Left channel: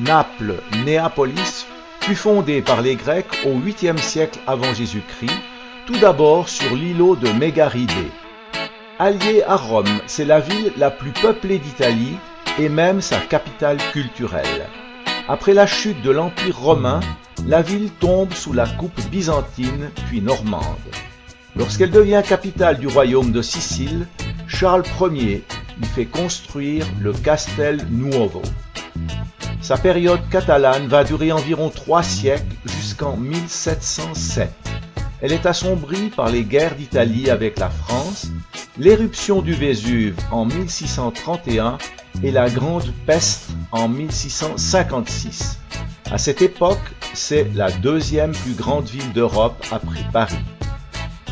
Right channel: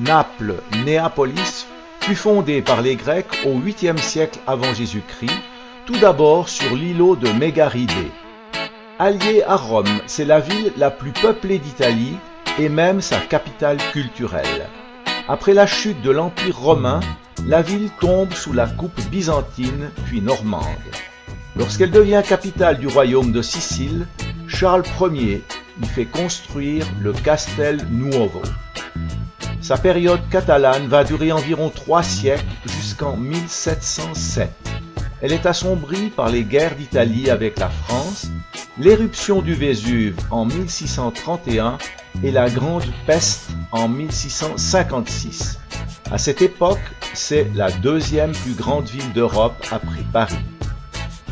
Naples, Néapolis, fut fondée par les Grecs au 8e siècle avant Jésus-Christ, tout d'abord sur l'îlot de Mégaridée. Alliée à Rome, c'est la ville la plus peuplée d'Italie et même sa capitale culturelle. Après la chute de l'Empire romain, la ville tombe sous la coupe byzantine puis normande. Lorsqu'elle devient capitale du royaume de Sicile, Charles Ier y fait construire le Castel Nuovo. Sa période catalane va durer environ 3 siècles jusqu'en 1707. Elle est assombrie par les guerres d'Italie avec la France, l'éruption du Vésuve en 1631 et la Grande Peste en 1656. À cette époque, c'est la deuxième plus grande ville d'Europe après Paris.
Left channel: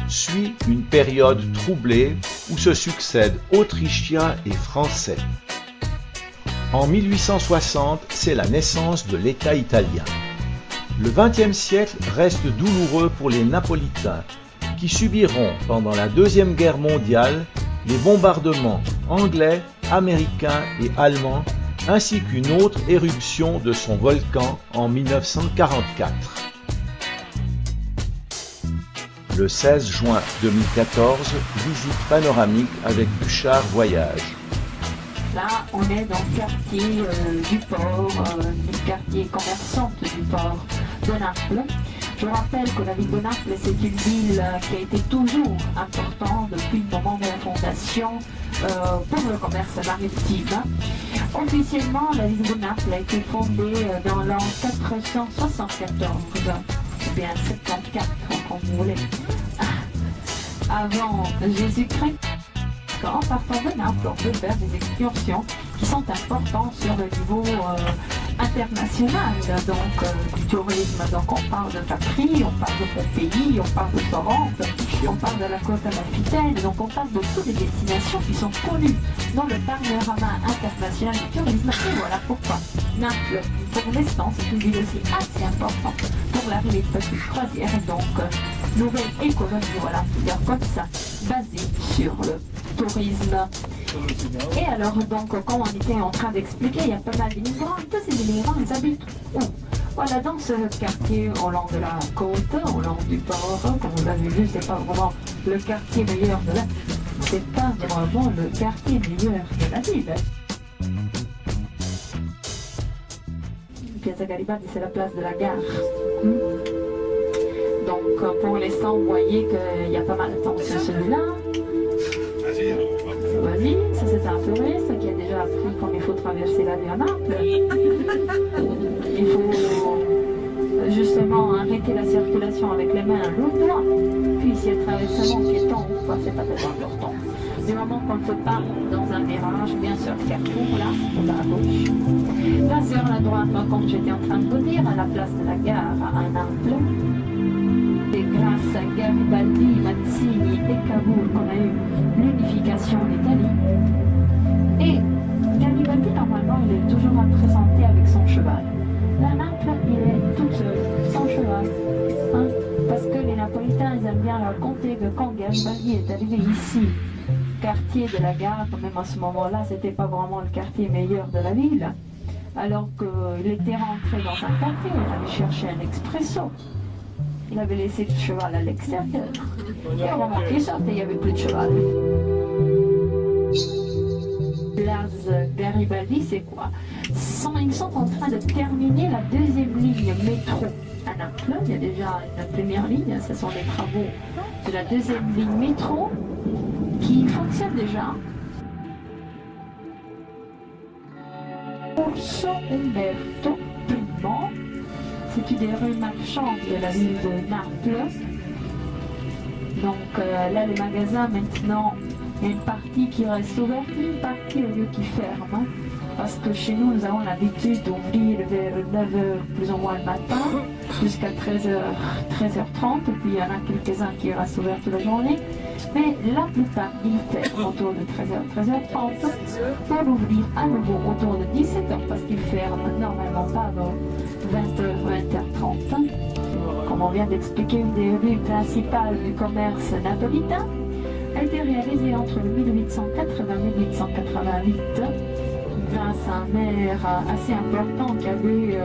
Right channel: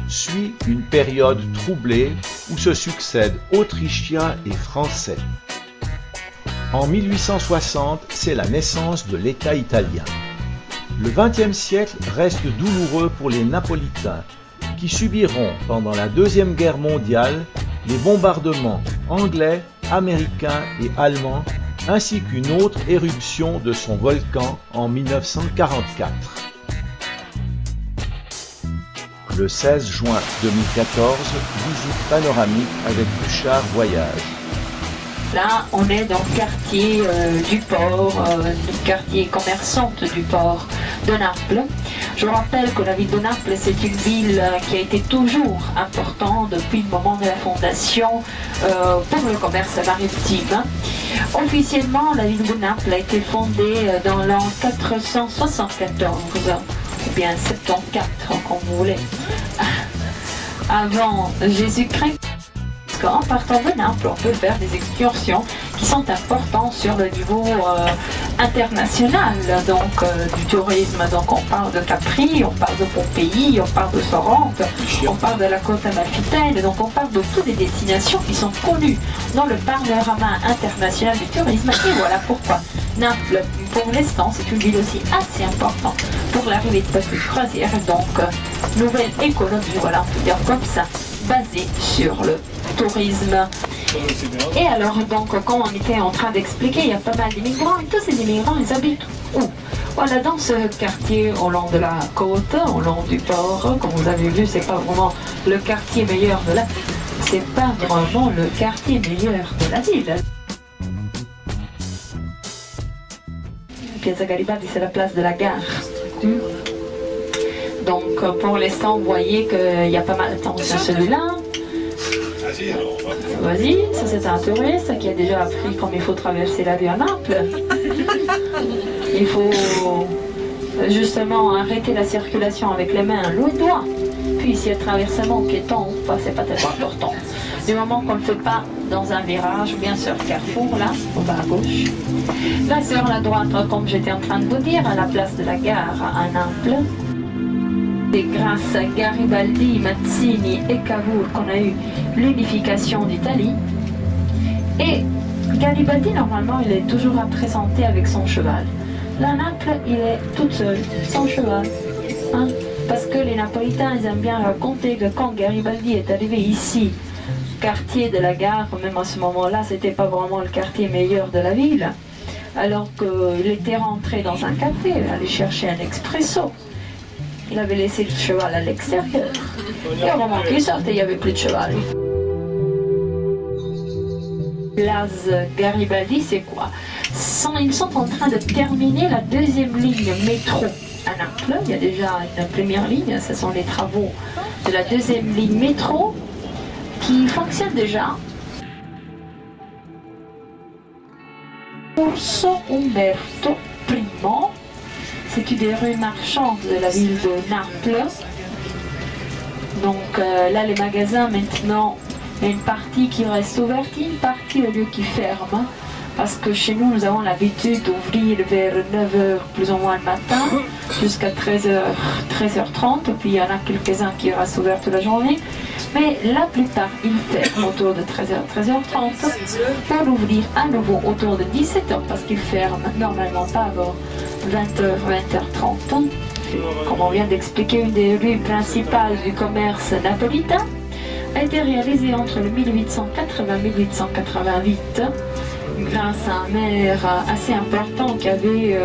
Suit une période troublée où se succèdent Autrichiens et Français. En 1860, c'est la naissance de l'État italien. Le XXe siècle reste douloureux pour les Napolitains, qui subiront pendant la Deuxième Guerre mondiale les bombardements anglais, américains et allemands, ainsi qu'une autre éruption de son volcan en 1944. Le 16 juin 2014, visite panoramique avec Bouchard Voyage. Là, on est dans le quartier du port, le quartier commerçante du port de Naples. Je rappelle que la ville de Naples, c'est une ville qui a été toujours importante depuis le moment de la fondation pour le commerce maritime. Officiellement, la ville de Naples a été fondée dans l'an 474, ou bien 74, comme vous voulez, avant Jésus-Christ. En partant de Naples, on peut faire des excursions qui sont importantes sur le niveau international, donc du tourisme. Donc on parle de Capri, on parle de Pompéi, on parle de Sorrente, on parle de la côte amalfitaine, donc on parle de toutes les destinations qui sont connues dans le panorama international du tourisme. Et voilà pourquoi Naples, pour l'instant, c'est une ville aussi assez importante pour l'arrivée de bateaux de croisière. Donc nouvelle économie, voilà, on peut dire comme ça, basée sur le tourisme. Et alors donc, comme on était en train d'expliquer, il y a pas mal d'immigrants et tous ces immigrants, ils habitent où? Voilà, dans ce quartier au long de la côte, au long du port. Comme vous avez vu, c'est pas vraiment le quartier meilleur de la ville. C'est pas vraiment le quartier meilleur de la ville. Piazza Garibaldi, c'est la place de la gare. Donc pour l'instant, vous voyez qu'il y a pas mal de temps sur celui-là. Vas-y, ça c'est un touriste qui a déjà appris comme il faut traverser la rue à Naples. Il faut justement arrêter la circulation avec les mains, le doigt. Puis s'il y a traversement piéton ou pas, c'est pas tellement important. Du moment qu'on ne le fait pas dans un virage, ou bien sur Carrefour, là, on va à gauche. Là sur la droite, comme j'étais en train de vous dire, à la place de la gare à Naples. C'est grâce à Garibaldi, Mazzini et Cavour qu'on a eu l'unification d'Italie. Et Garibaldi, normalement, il est toujours représenté avec son cheval. Là, Naples, il est toute seule, sans cheval. Hein? Parce que les Napolitains, ils aiment bien raconter que quand Garibaldi est arrivé ici, quartier de la gare, même à ce moment-là, c'était pas vraiment le quartier meilleur de la ville. Alors qu'il était rentré dans un café, il allait chercher un expresso. Il avait laissé le cheval à l'extérieur. Et au moment qu'il sortait, il n'y avait plus de cheval. Place Garibaldi, c'est quoi? Ils sont en train de terminer la deuxième ligne métro à Naples. Il y a déjà une première ligne, ce sont les travaux de la deuxième ligne métro qui fonctionne déjà. Corso Umberto I. C'est une des rues marchandes de la ville de Naples. Donc là, les magasins, maintenant, il y a une partie qui reste ouverte et une partie au lieu qui ferme. Parce que chez nous, nous avons l'habitude d'ouvrir vers 9h plus ou moins le matin, jusqu'à 13h30. Puis il y en a quelques-uns qui restent ouverts toute la journée. Mais la plupart, ils ferment autour de 13h30 pour ouvrir à nouveau autour de 17h parce qu'ils ferment normalement pas avant 20h30. Comme on vient d'expliquer, une des rues principales du commerce napolitain a été réalisée entre 1880 et 1888 grâce à un maire assez important qui avait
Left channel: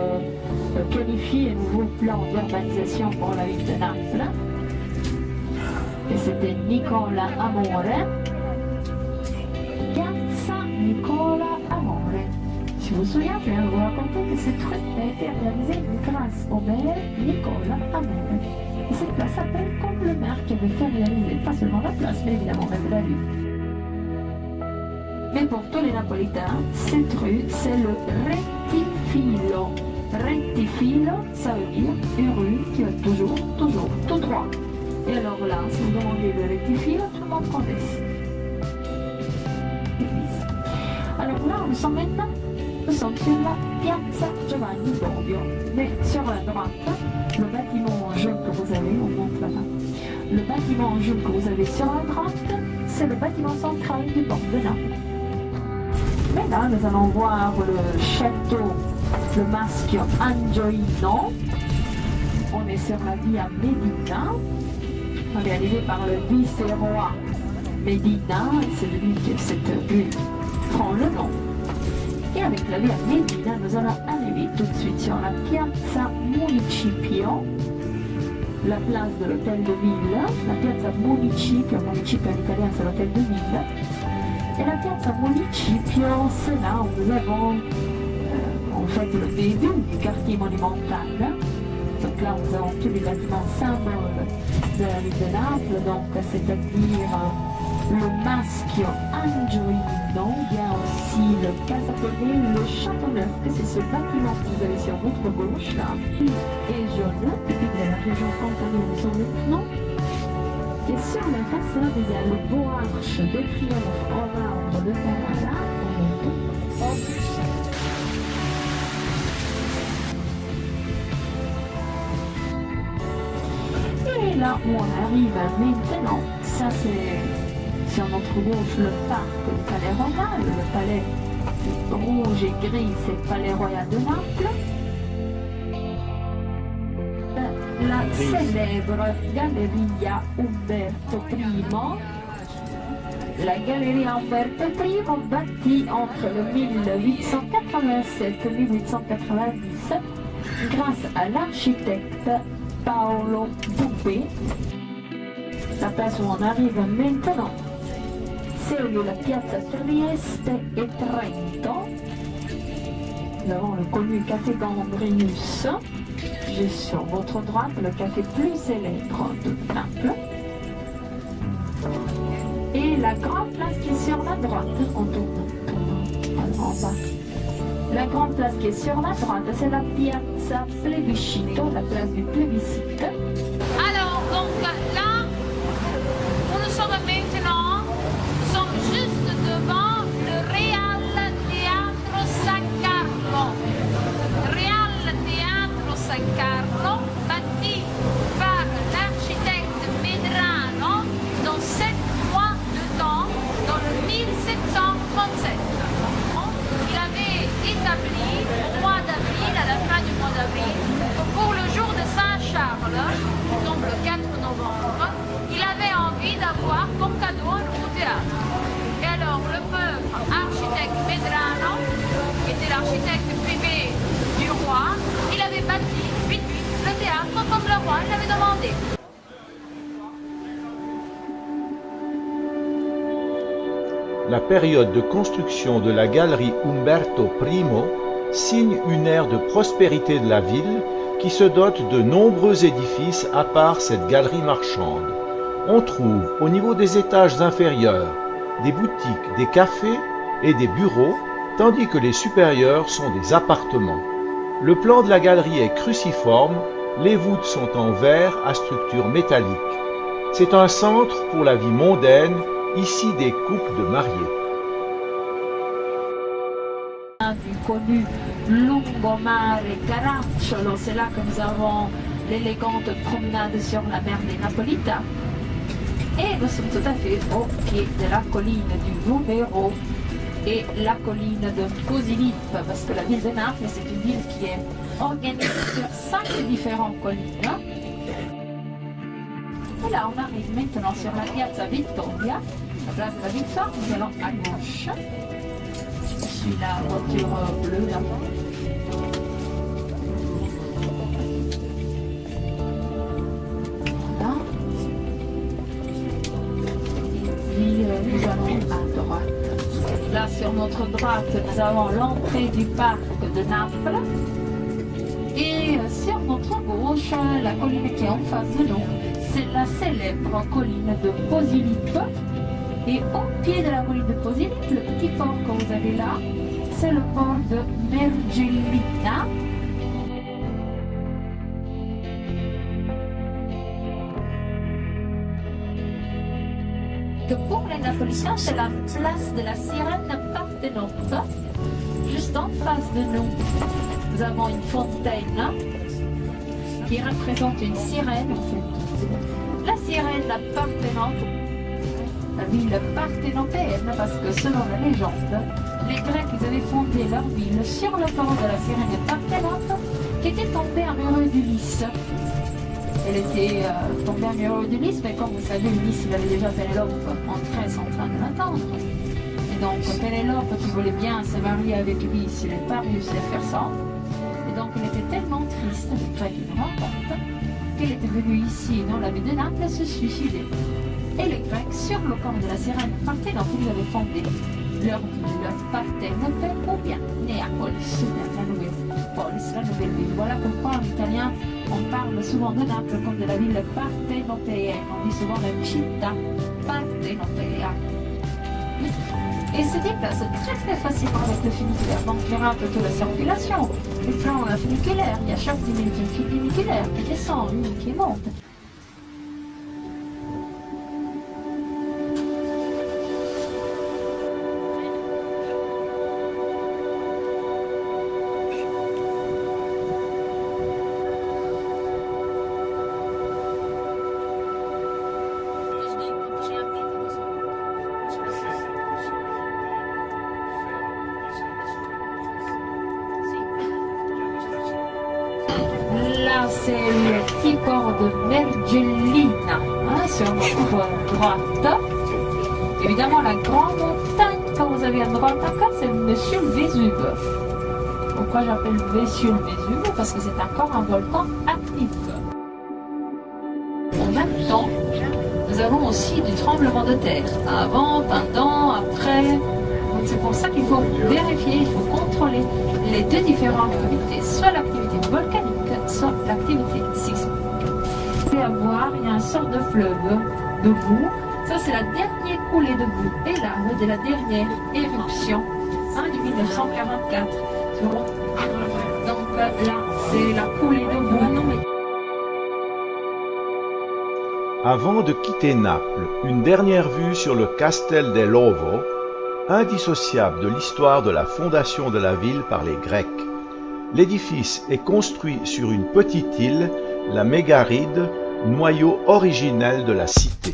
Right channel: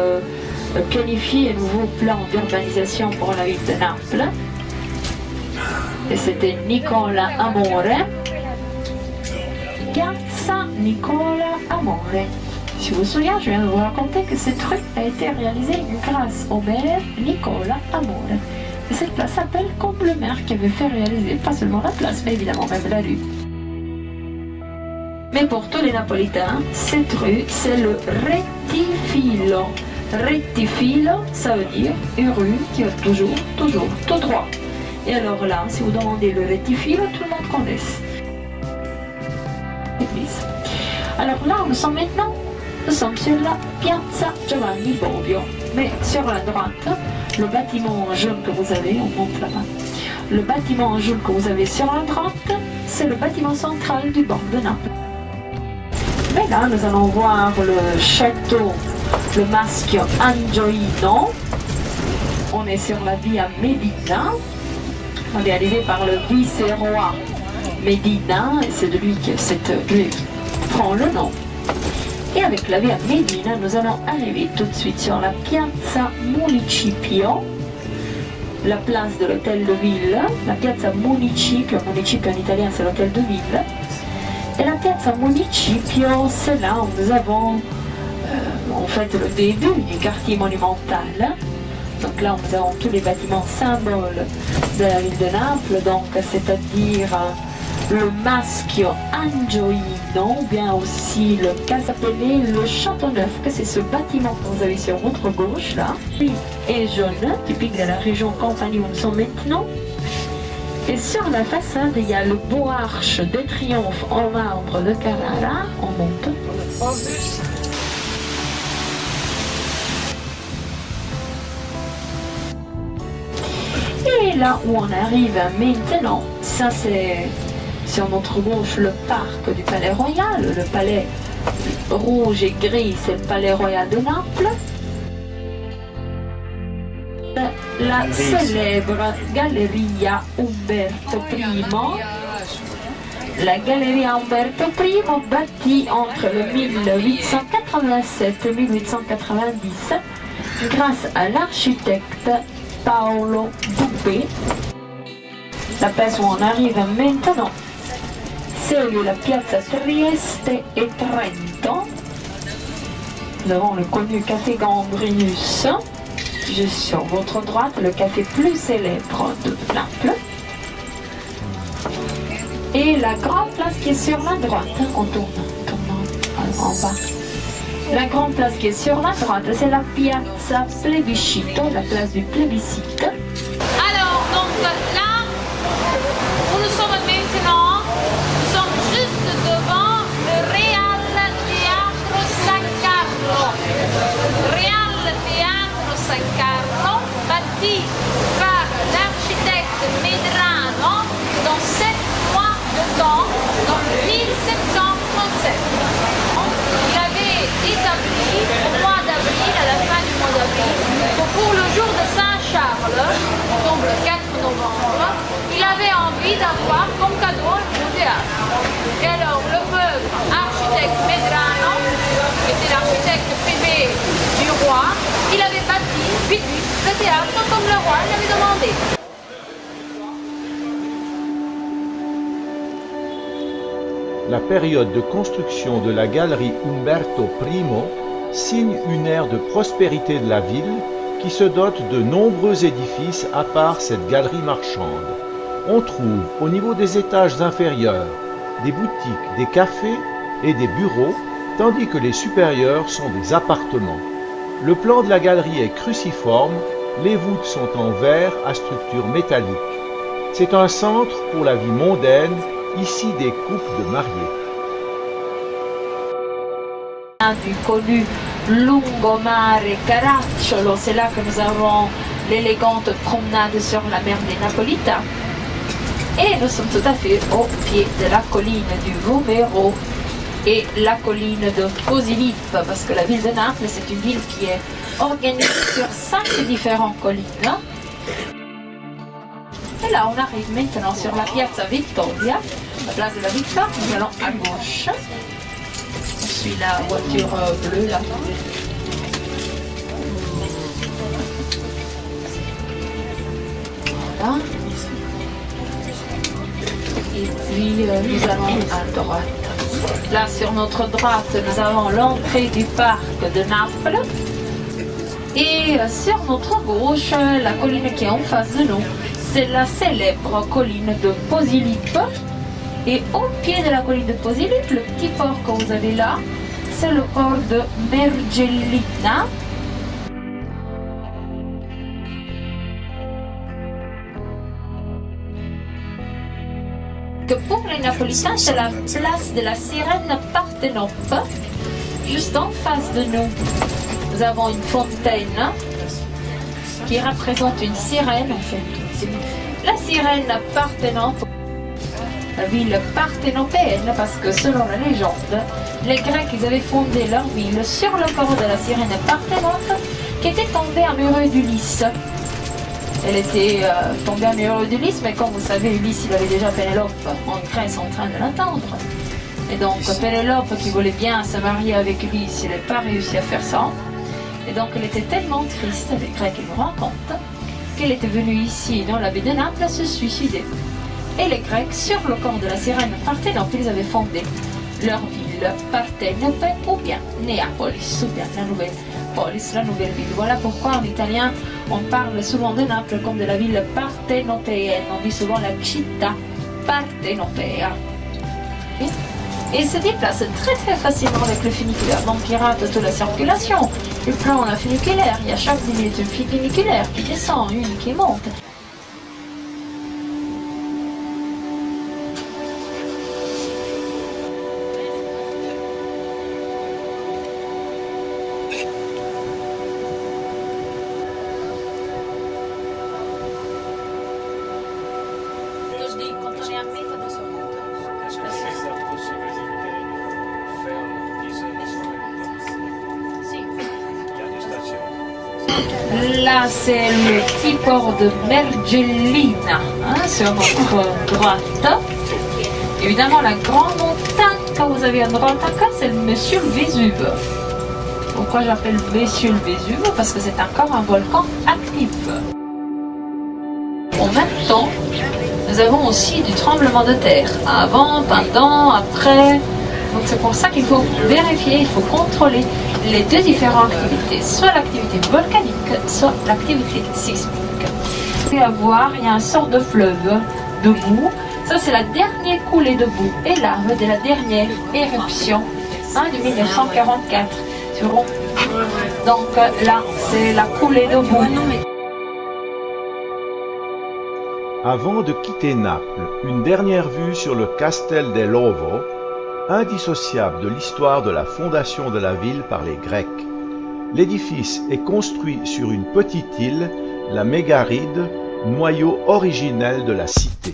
planifié un nouveau plan d'urbanisation pour la ville de Naples. Et c'était Nicola Amore. Piazza Nicola Amore. Si vous vous souvenez, je viens de vous raconter que cette rue a été réalisée grâce au maire Nicola Amore. Et cette place s'appelle comme le maire qui avait fait réaliser pas seulement la place, mais évidemment même la rue. Mais pour tous les Napolitains, cette rue, c'est le Rettifilo. Rettifilo, ça veut dire une rue qui va toujours tout droit. Et alors là, si vous demandez le Rettifilo, tout le monde connaît. Alors là, nous sommes sur la Piazza Giovanni Bobbio. Mais sur la droite, le bâtiment jaune que vous avez, on monte là-bas. Le bâtiment jaune que vous avez sur la droite, c'est le bâtiment central du banc de Naples. Mais là, nous allons voir le château, le Maschio Angioino. On est sur la Via Medina, réalisé par le vice-roi Medina, et c'est de lui que cette rue prend le nom. Et avec la Via Medina, nous allons arriver tout de suite sur la Piazza Municipio, la place de l'hôtel de ville, la Piazza Municipio, Municipio en italien c'est l'hôtel de ville. Et la Piazza Municipio, c'est là où nous avons en fait le début du quartier monumental. Donc là, nous avons tous les bâtiments symboles de la ville de Naples, donc c'est-à-dire le Maschio Angioino, ou bien aussi le Casapelle, le Châteauneuf, que c'est ce bâtiment que vous avez sur votre gauche là, et jaune, typique de la région Campanie où nous sommes maintenant. Et sur la façade, il y a le beau arche de triomphe en marbre de Carrara. On monte. Et là où on arrive maintenant, ça c'est sur notre gauche le parc du Palais Royal. Le palais rouge et gris, c'est le Palais Royal de Naples. La célèbre Galleria Umberto I. La Galleria Umberto I, bâtie entre le 1887 et 1890 grâce à l'architecte Paolo Bubbe. La place où on arrive maintenant, c'est la Piazza Trieste et Trento. Nous avons le connu Café Gambrinus. Juste sur votre droite, le café plus célèbre de Naples. Et la grande place qui est sur la droite, on tourne en bas. La grande place qui est sur la droite, c'est la Piazza Plebiscito, la place du plébiscite. Alors, donc là, où nous sommes maintenant, nous sommes juste devant le Real Teatro San Carlo. Real Teatro San Carlo, bâti par l'architecte Medrano dans 7 mois de temps, dans le 1737. Il avait établi au mois d'avril, à la fin du mois d'avril, que pour le jour de Saint-Charles, qui tombe le 4 novembre, il avait envie d'avoir comme cadeau un nouveau théâtre. Et alors le pauvre architecte Medrano, qui était l'architecte privé du roi, il avait bâti vite le théâtre comme le roi l'avait demandé. La période de construction de la galerie Umberto I signe une ère de prospérité de la ville qui se dote de nombreux édifices à part cette galerie marchande. On trouve au niveau des étages inférieurs des boutiques, des cafés et des bureaux, tandis que les supérieurs sont des appartements. Le plan de la galerie est cruciforme, les voûtes sont en verre à structure métallique. C'est un centre pour la vie mondaine, ici des couples de mariés. Du connu Lungomare Caracciolo, c'est là que nous avons l'élégante promenade sur la mer des Napolitains. Et nous sommes tout à fait au pied de la colline du Vomero et la colline de Posillipo, parce que la ville de Naples, c'est une ville qui est organisée sur 5 différentes collines. Et là, on arrive maintenant sur la Piazza Vittoria, la place de la Victoire. Nous allons à gauche. suis la voiture bleue là. Voilà. Et puis nous allons à droite. Là sur notre droite, nous avons l'entrée du parc de Naples. Et sur notre gauche, la colline qui est en face de nous, c'est la célèbre colline de Posillipo. Et au pied de la colline de Posillipo, le petit port que vous avez là, c'est le port de Mergellina. Que pour les Napolitains, c'est la place de la sirène Parthénope. Juste en face de nous, nous avons une fontaine qui représente une sirène en fait. La sirène Parthénope, la ville parthénopéenne, parce que selon la légende, les Grecs ils avaient fondé leur ville sur le corps de la sirène Parthénope qui était tombée amoureux d'Ulysse. Elle était tombée amoureuse d'Ulysse, mais comme vous savez, Ulysse il avait déjà Pénélope en Grèce en train de l'attendre. Et donc Pénélope qui voulait bien se marier avec Ulysse, il n'a pas réussi à faire ça. Et donc elle était tellement triste, les Grecs ils nous racontent, qu'elle était venue ici dans la baie de Naples se suicider. Et les Grecs, sur le corps de la sirène Parthénope, ils avaient fondé leur ville Parthénope ou bien Néapolis, ou bien la nouvelle polis, la nouvelle ville. Voilà pourquoi en italien on parle souvent de Naples comme de la ville parthénopéenne. On dit souvent la città partenopea. Et se déplace très très facilement avec le funiculaire. Donc il rate toute la circulation. Il prend un funiculaire, il y a chaque 10 minutes une funiculaire qui descend, une qui monte. Là, c'est le petit port de Mergellina, sur notre droite. Évidemment, la grande montagne que vous avez à droite, c'est le Monsieur le Vésuve. Pourquoi j'appelle Monsieur le Vésuve? Parce que c'est encore un volcan actif. En même temps, nous avons aussi du tremblement de terre. Avant, pendant, après. Donc c'est pour ça qu'il faut vérifier, il faut contrôler les deux différentes activités, soit l'activité volcanique, soit l'activité sismique. Il y a un sort de fleuve de boue, ça c'est la dernière coulée de boue et lave de la dernière éruption de 1944. Donc là c'est la coulée de boue. Avant de quitter Naples, une dernière vue sur le Castel dell'Ovo, indissociable de l'histoire de la fondation de la ville par les Grecs. L'édifice est construit sur une petite île, la Mégaride, noyau originel de la cité.